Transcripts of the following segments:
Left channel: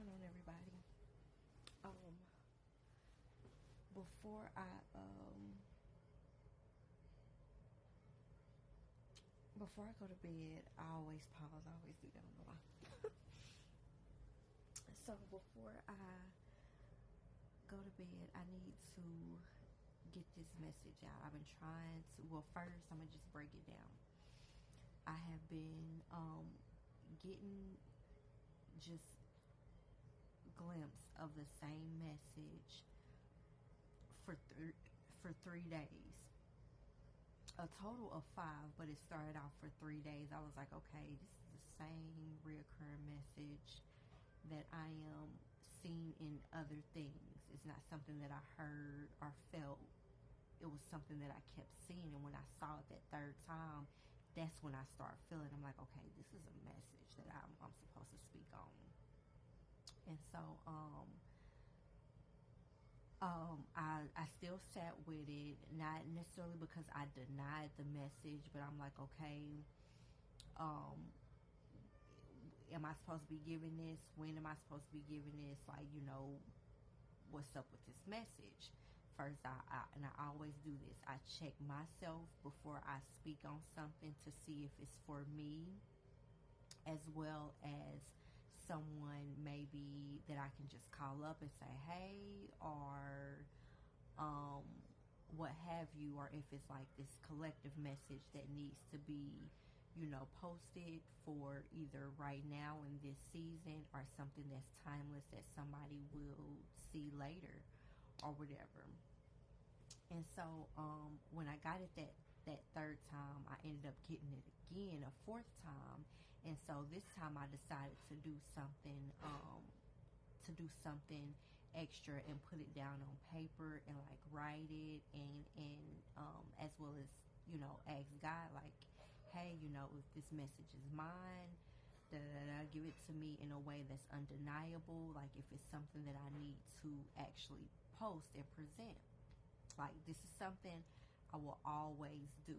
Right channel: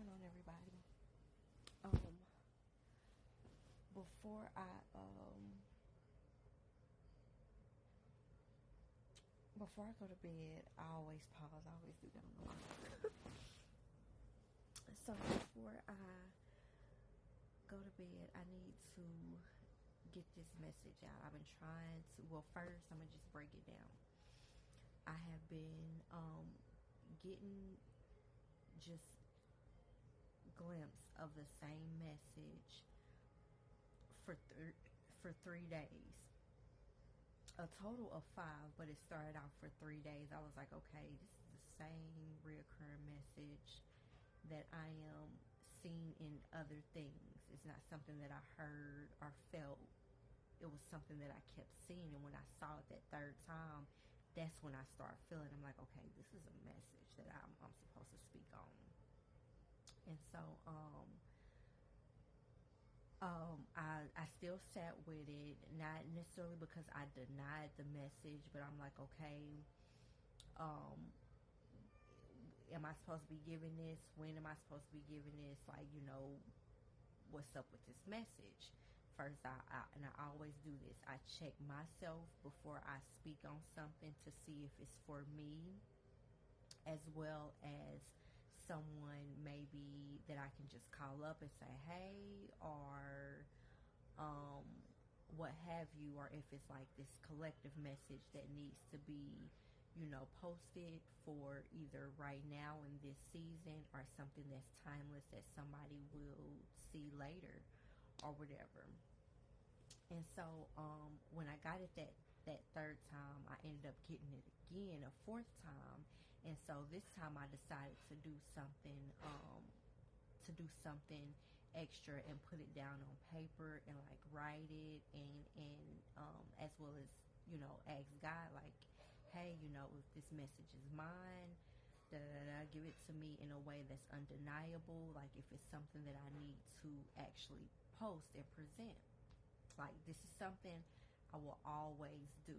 going on, everybody? Um, before I before I go to bed, I always pause. I always do that on the line. So before I go to bed, I need to get this message out. I've been trying to. Well, first I'm gonna just break it down. I have been getting just glimpse of the same message for 3 days, a total of 5, but it started out for 3 days. I was like, okay, this is the same reoccurring message that I am seeing in other things. It's not something that I heard or felt. It was something that I kept seeing, and when I saw it that third time, that's when I started feeling. I'm like, okay, this is a message that I'm supposed to speak on. And so I still sat with it, not necessarily because I denied the message, but I'm like, okay, am I supposed to be giving this? When am I supposed to be giving this? Like, what's up with this message? First, I always do this. I check myself before I speak on something to see if it's for me, as well as someone maybe that I can just call up and say, hey, or what have you, or if it's like this collective message that needs to be, posted for either right now in this season or something that's timeless that somebody will see later or whatever. And so when I got it that third time, I ended up getting it again a fourth time. And so this time I decided to do something extra and put it down on paper and like write it and as well as ask God, like, hey, if this message is mine, give it to me in a way that's undeniable. Like, if it's something that I need to actually post and present, like, this is something I will always do,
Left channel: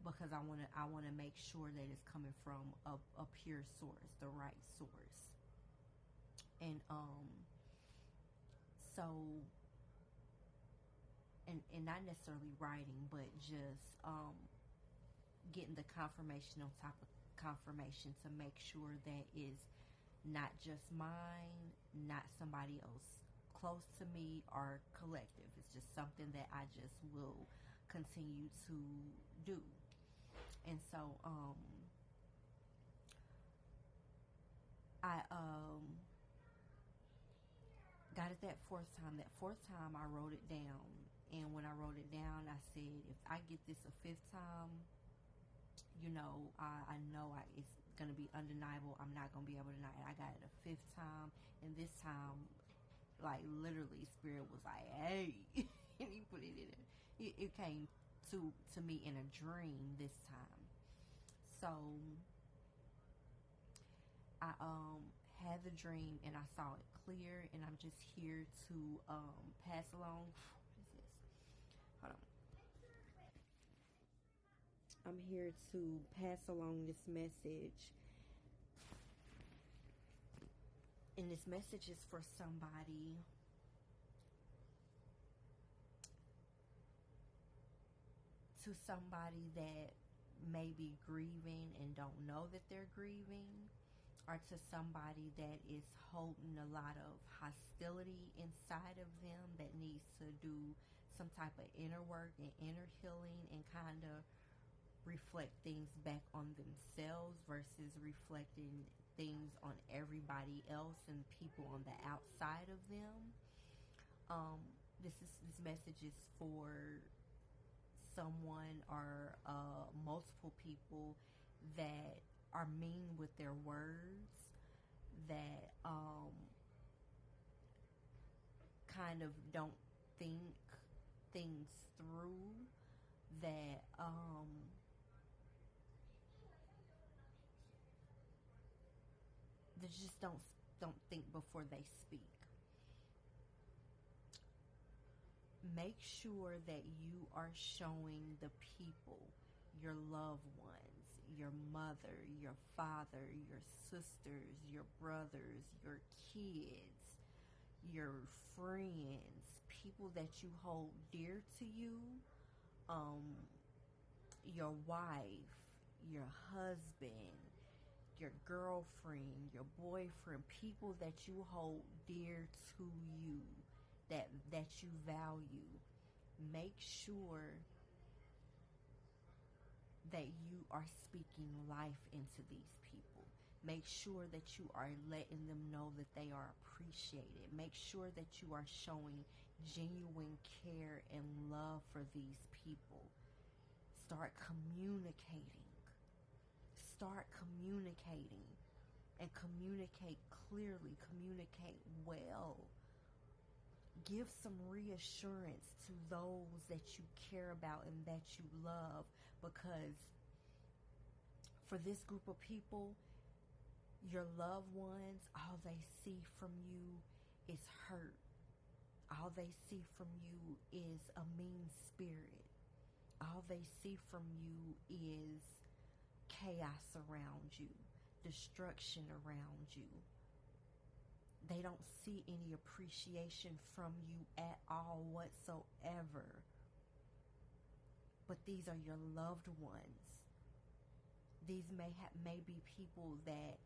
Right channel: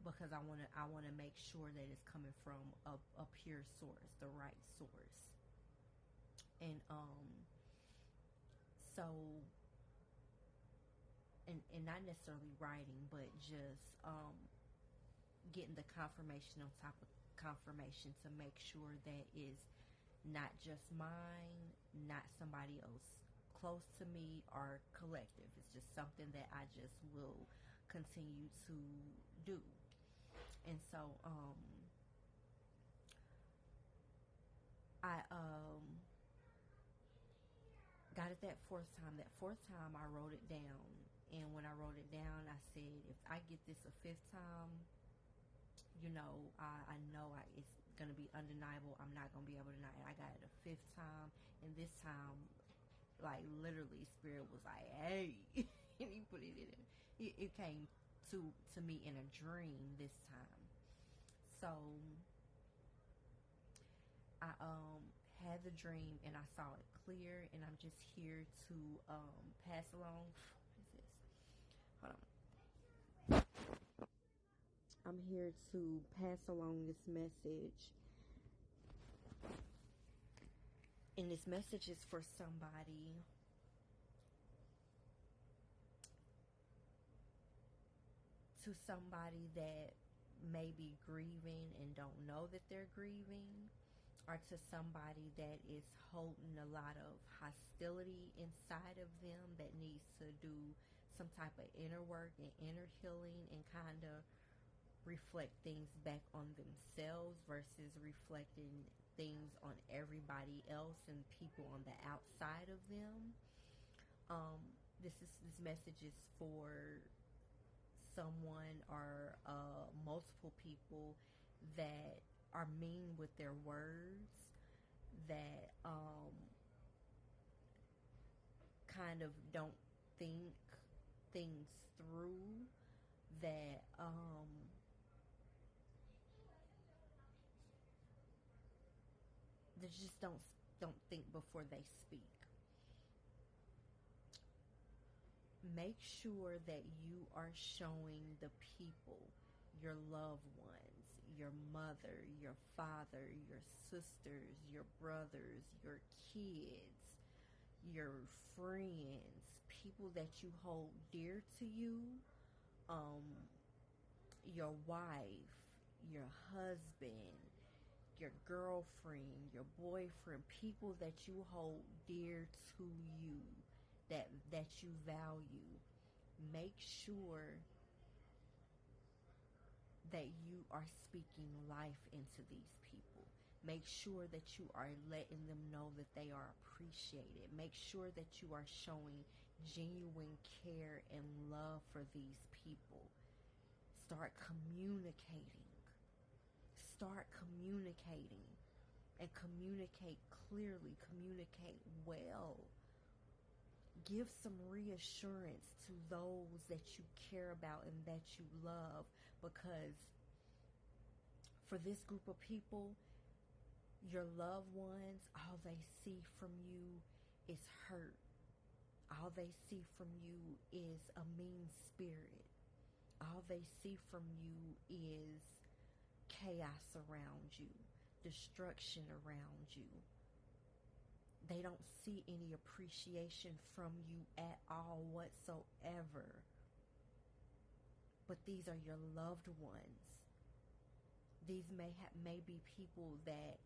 because I want to make sure that it's coming from a pure source, the right source. And so and not necessarily writing, but just getting the confirmation on top of confirmation to make sure that is not just mine, not somebody else close to me, or collective. It's just something that I just will continue to do. And so I got it that fourth time. That fourth time I wrote it down, and when I wrote it down, I said, if I get this a fifth time, I know it's going to be undeniable. I'm not going to be able to deny it. I got it a fifth time, and this time, like, literally, Spirit was like, hey, and he put it in it. It came to me in a dream this time. So I had the dream and I saw it clear, and I'm just here to pass along. What is this? Hold on. I'm here to pass along this message. And this message is for somebody that may be grieving and don't know that they're grieving, or to somebody that is holding a lot of hostility inside of them that needs to do some type of inner work and inner healing and kind of reflect things back on themselves versus reflecting things on everybody else and people on the outside of them. This message is for someone or multiple people that are mean with their words, that kind of don't think things through, that they just don't think before they speak. Make sure that you are showing the people, your loved ones, your mother, your father, your sisters, your brothers, your kids, your friends, people that you hold dear to you, your wife, your husband, your girlfriend, your boyfriend, people that you hold dear to you, that you value. Make sure that you are speaking life into these people. Make sure that you are letting them know that they are appreciated. Make sure that you are showing genuine care and love for these people. Start communicating. Start communicating. And communicate clearly. Communicate well. Give some reassurance to those that you care about and that you love, because for this group of people, your loved ones, all they see from you is hurt. All they see from you is a mean spirit. All they see from you is chaos around you, destruction around you. They don't see any appreciation from you at all whatsoever. But these are your loved ones. These may be people that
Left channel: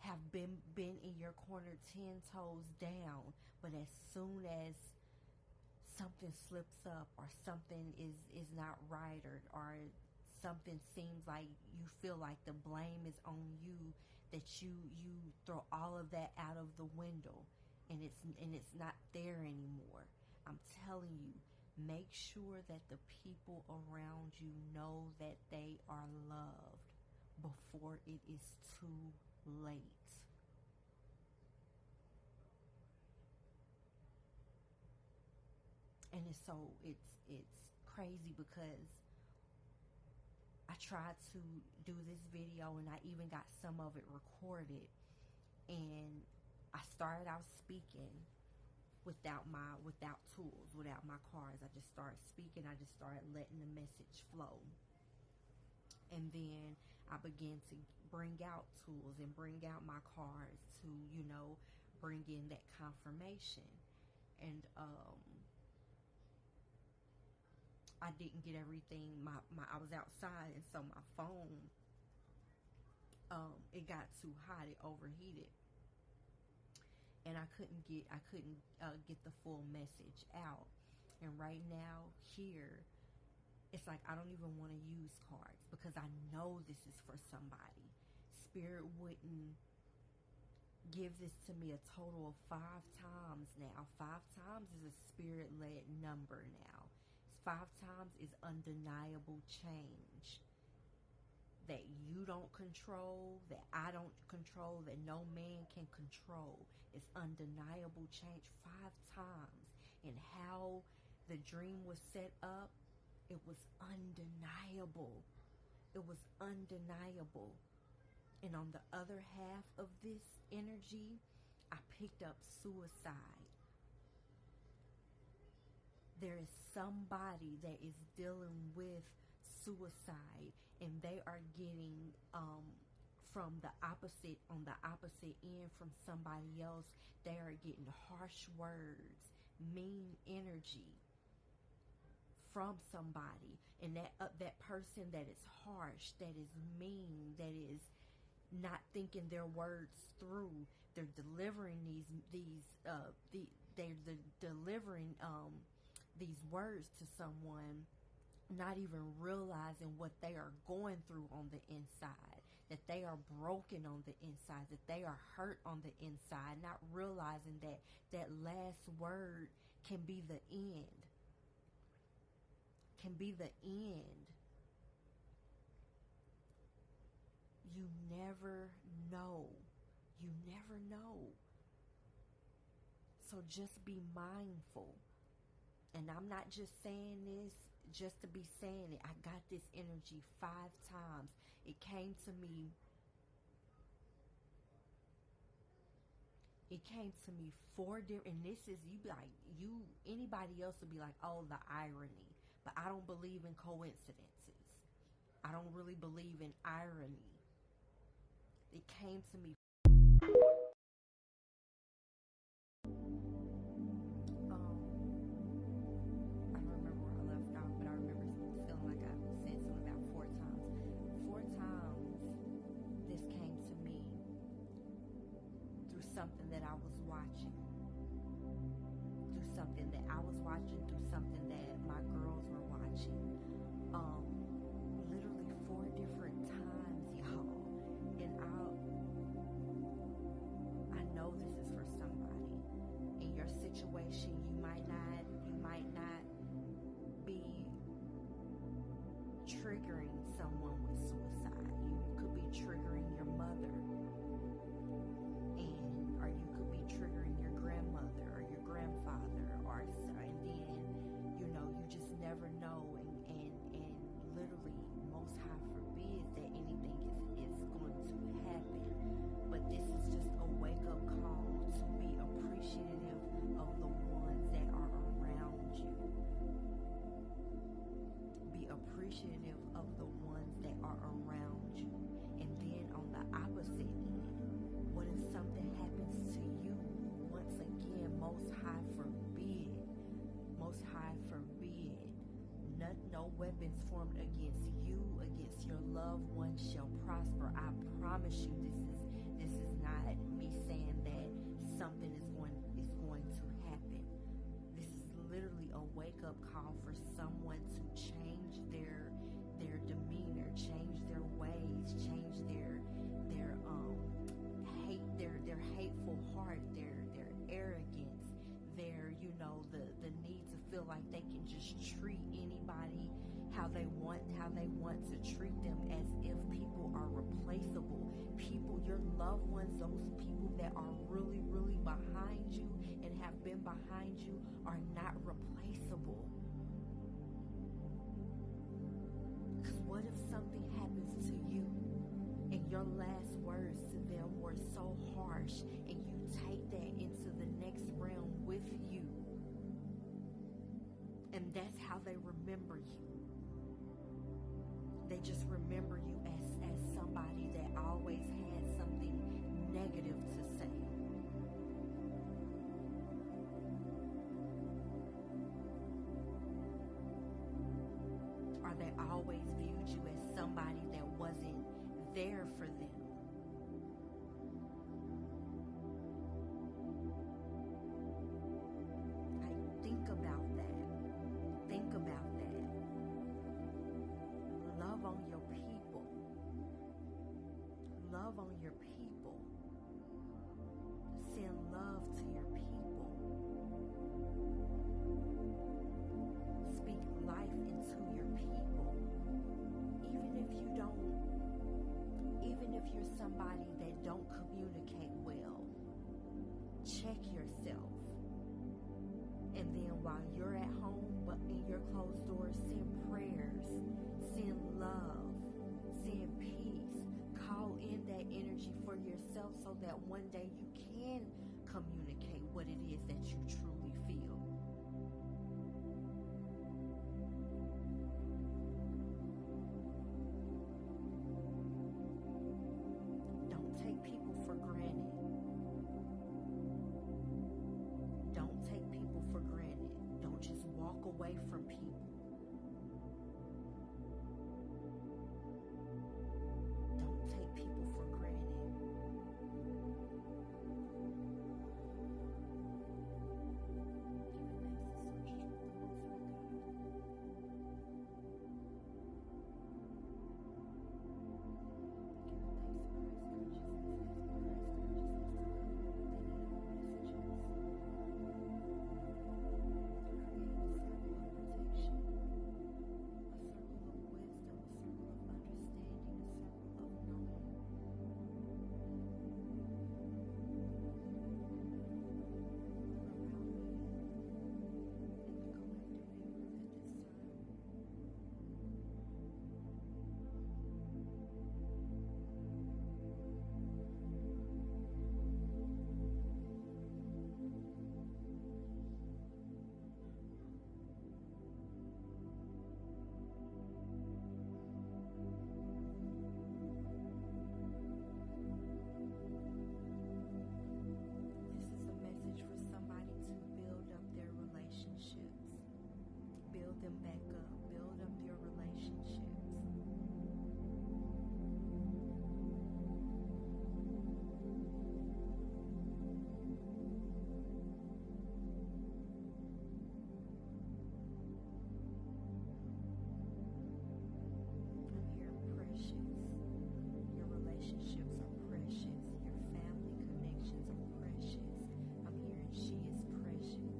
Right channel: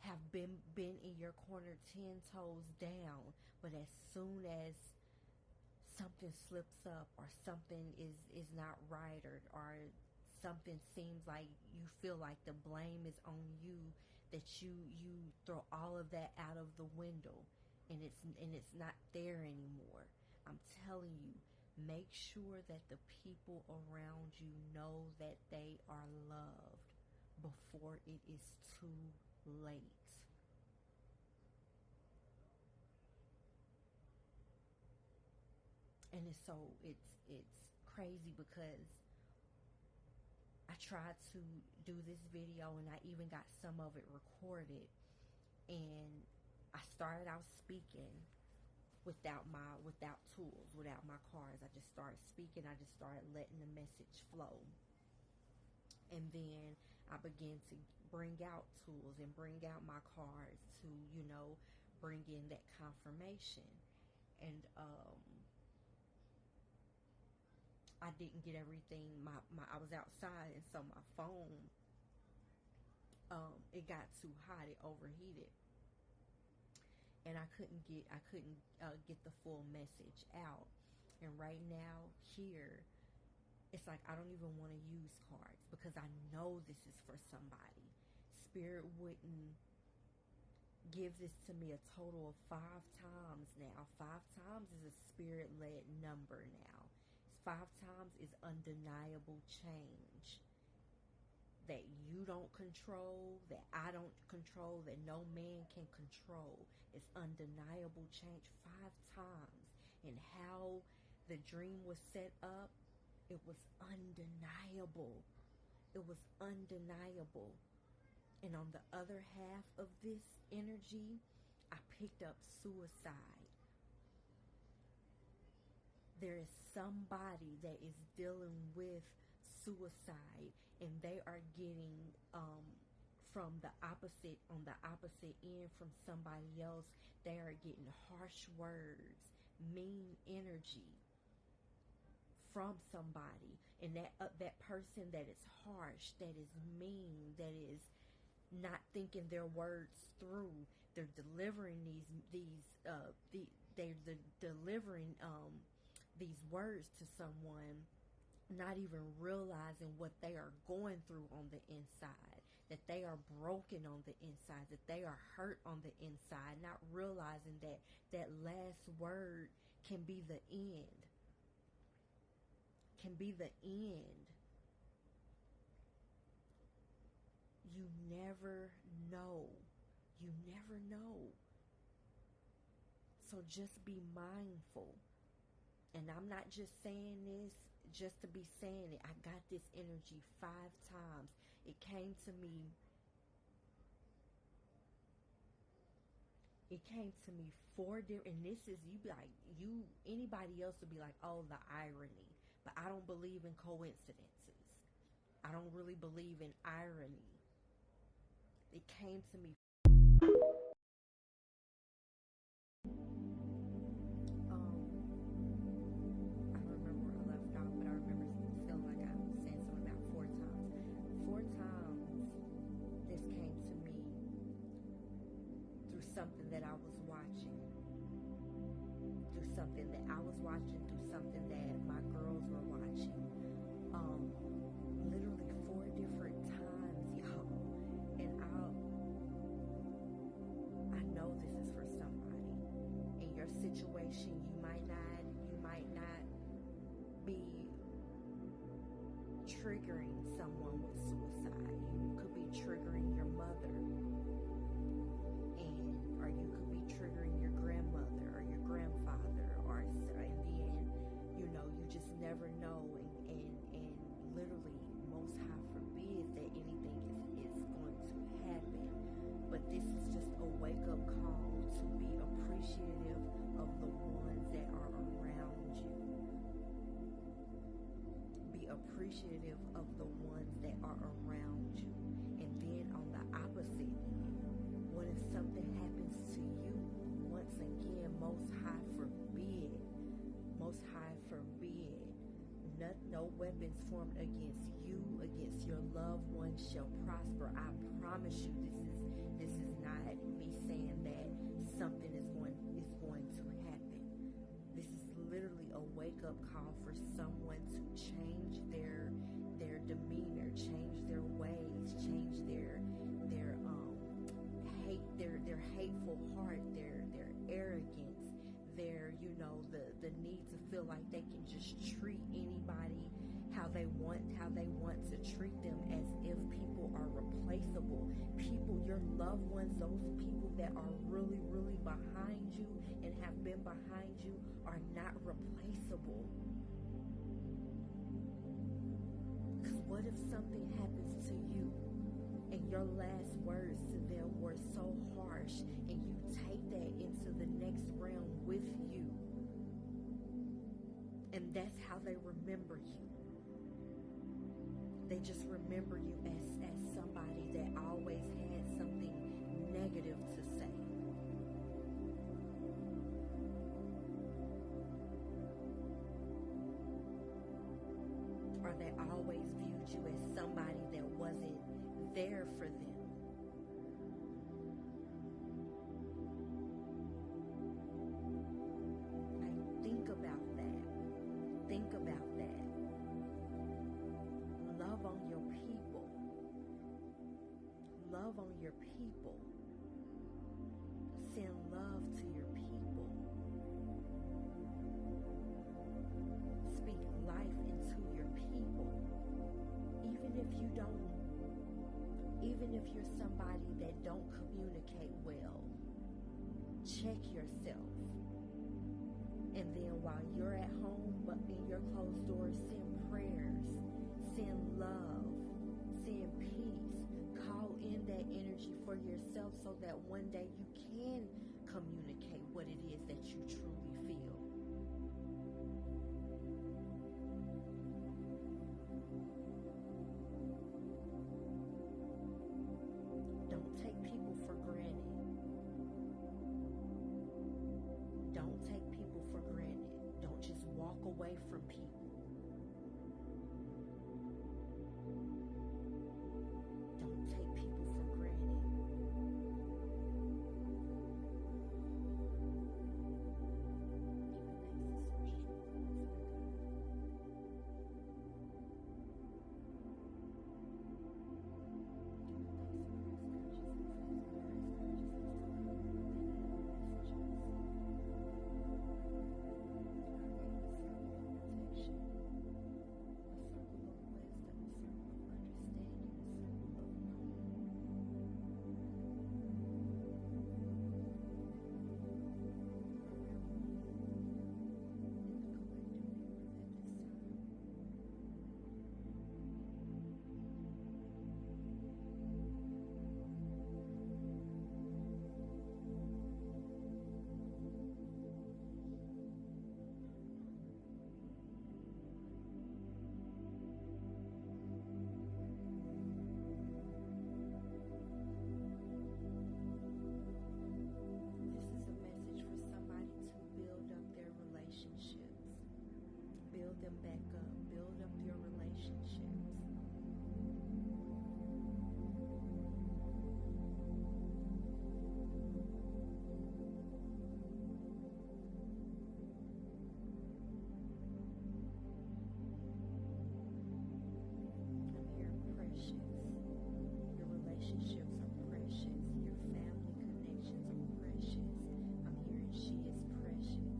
have been in your corner 10 toes down, but as soon as something slips up or something is not right, or something seems like you feel like the blame is on you, that you throw all of that out of the window, and it's not there anymore. I'm telling you, make sure that the people around you know that they are loved before it is too late. And it's crazy because I tried to do this video and I even got some of it recorded, and I started out speaking without tools, without my cards. I just started speaking. I just started letting the message flow. And then I began to bring out tools and bring out my cards to, bring in that confirmation. And I didn't get everything. I was outside, and so my phone, it got too hot. It overheated, and I couldn't get the full message out. And right now here, it's like I don't even want to use cards because I know this is for somebody. Spirit wouldn't give this to me a total of 5 times now. 5 times is a spirit-led number now. 5 times is undeniable change that you don't control, that I don't control, that no man can control. It's undeniable change 5 times. And how the dream was set up, it was undeniable. It was undeniable. And on the other half of this energy, I picked up suicide. There is somebody that is dealing with suicide, and they are getting from the opposite, on the opposite end from somebody else, they are getting harsh words, mean energy from somebody, and that person that is harsh, that is mean, that is not thinking their words through, they're delivering they're delivering these words to someone, not even realizing what they are going through on the inside, that they are broken on the inside, that they are hurt on the inside, not realizing that that last word can be the end. Can be the end. You never know. You never know. So just be mindful. And I'm not just saying this just to be saying it. I got this energy 5 times. It came to me. It came to me 4 different, and this is, anybody else would be like, oh, the irony. But I don't believe in coincidences. I don't really believe in irony. It came to me. I don't remember where I left off, but I remember feeling like I said something about 4 times. 4 times this came to me through something that I was watching. Through something that I was watching, through something that my girls were watching. Literally 4 different times, y'all. And I know this is for somebody. In your situation, you might not be triggering someone with suicide. You could be triggering your mother, or you could be triggering your grandmother or your grandfather, and then you just never know, and literally, most high forbid that anything is going to happen. But this is just a wake-up call to be appreciative of the ones that are around you. Be appreciative of the ones that are around you. And then on the opposite, what if something happens to you? Once again, most high forbid, no weapons formed against you, against your loved ones shall prosper. I promise you, this is not me saying that something is going to happen. This is literally a wake-up call for someone to change their demeanor, change their ways, change their hateful heart, their arrogance, the need to feel like they can just treat anybody how they want to treat them, as if people are replaceable. People, your loved ones, those people that are really, really behind you and have been behind you, are not replaceable. Because what if something happens to you and your last words to them were so harsh, and you take that into the next realm with you, and that's how they remember you? They just remember you as somebody that always had something negative to say. Or they always viewed you as somebody that wasn't there for them. Like, think about that. Think about that. Love on your people. Love on your people. Send love to your people. Speak life into your people. Even if you're somebody that don't communicate well, check yourself. And then while you're at home, but in your closed doors, send prayers, send love, send peace. Call in that energy for yourself so that one day you can communicate what it is that you truly feel. Don't take people for granted. Don't take people for granted. Don't just walk away from people. Don't take people for granted. Giving thanks to source, to God. them back up. Build up your relationships. I'm here, precious. Your relationships are precious. Your family connections are precious. I'm hearing she is precious.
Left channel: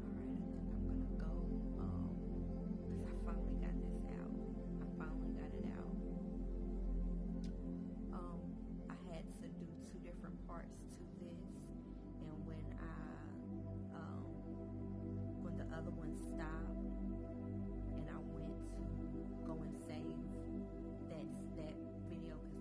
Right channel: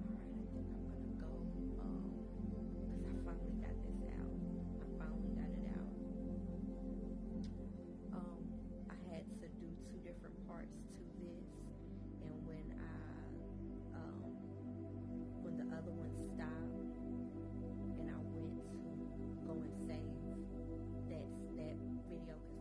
Alright, I think I'm gonna go, 'cause I finally got this out. I finally got it out. I had to do 2 different parts to this, and when the other one stopped, and I went to go and save that video, because